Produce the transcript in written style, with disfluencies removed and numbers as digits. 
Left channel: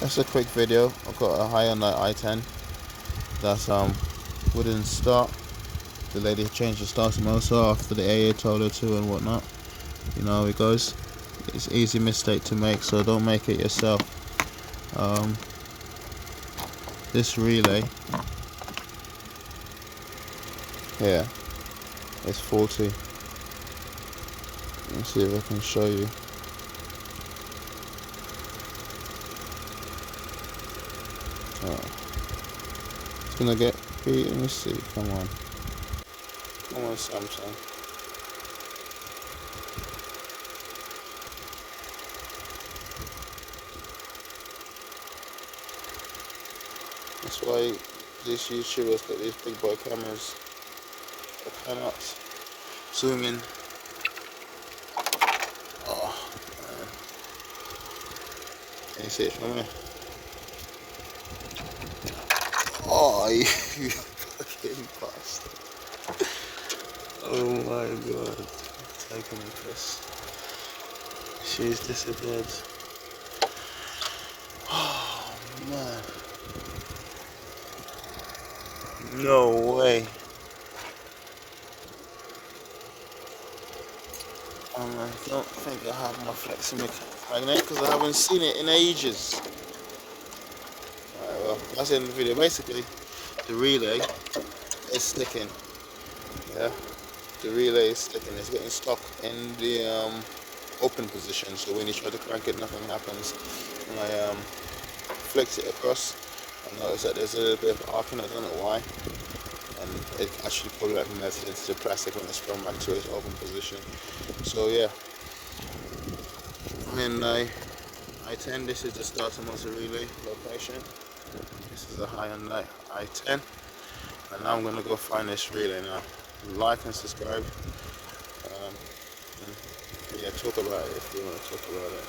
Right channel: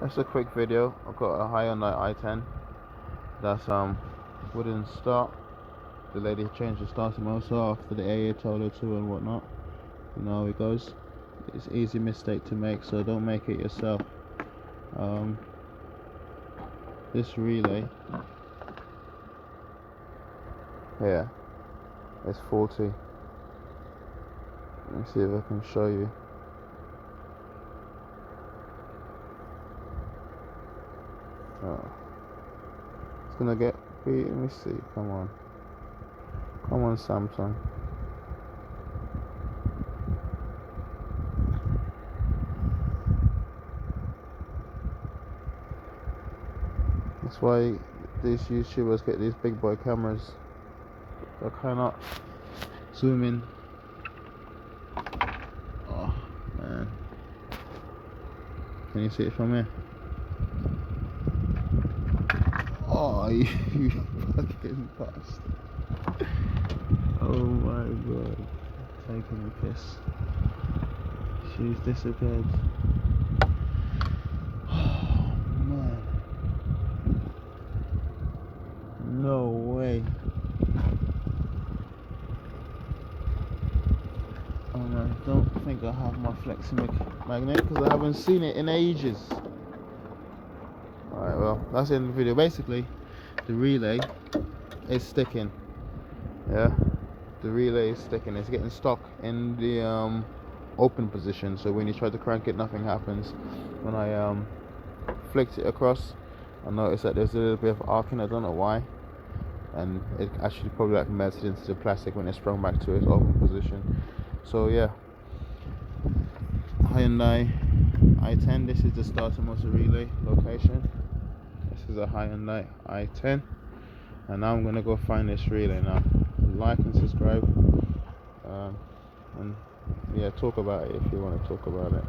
That's a quick video. I've got a Hyundai i10 that's wouldn't start. The lady changed the starter motor after the AA told her to and whatnot. You know how it goes. It's an easy mistake to make, so don't make it yourself. This relay here is faulty. Let's see if I can show you. It's gonna get beat. Let me see. Come on, Samsung. That's why these YouTubers get these big boy cameras. I cannot zoom in. Oh man, can you see it from here? Oh, you fucking bastard. Oh my god. Taking a piss. She's disappeared. Oh man. No way. I don't think I have my flexing magnet because I haven't seen it in ages. Alright, well, that's the end of the video. Basically, the relay is sticking. Yeah, the relay is sticking. It's getting stuck in the open position. So when you try to crank it, nothing happens. When I flex it across, I notice that there's a little bit of arcing. I don't know why. And it actually probably like melted into the plastic when it's thrown back to its open position. So yeah, Hyundai i10. This is the starter motor relay location. This is a Hyundai i10, and now I'm gonna go find this relay now. Like and subscribe, and yeah, talk about it if you want to talk about it.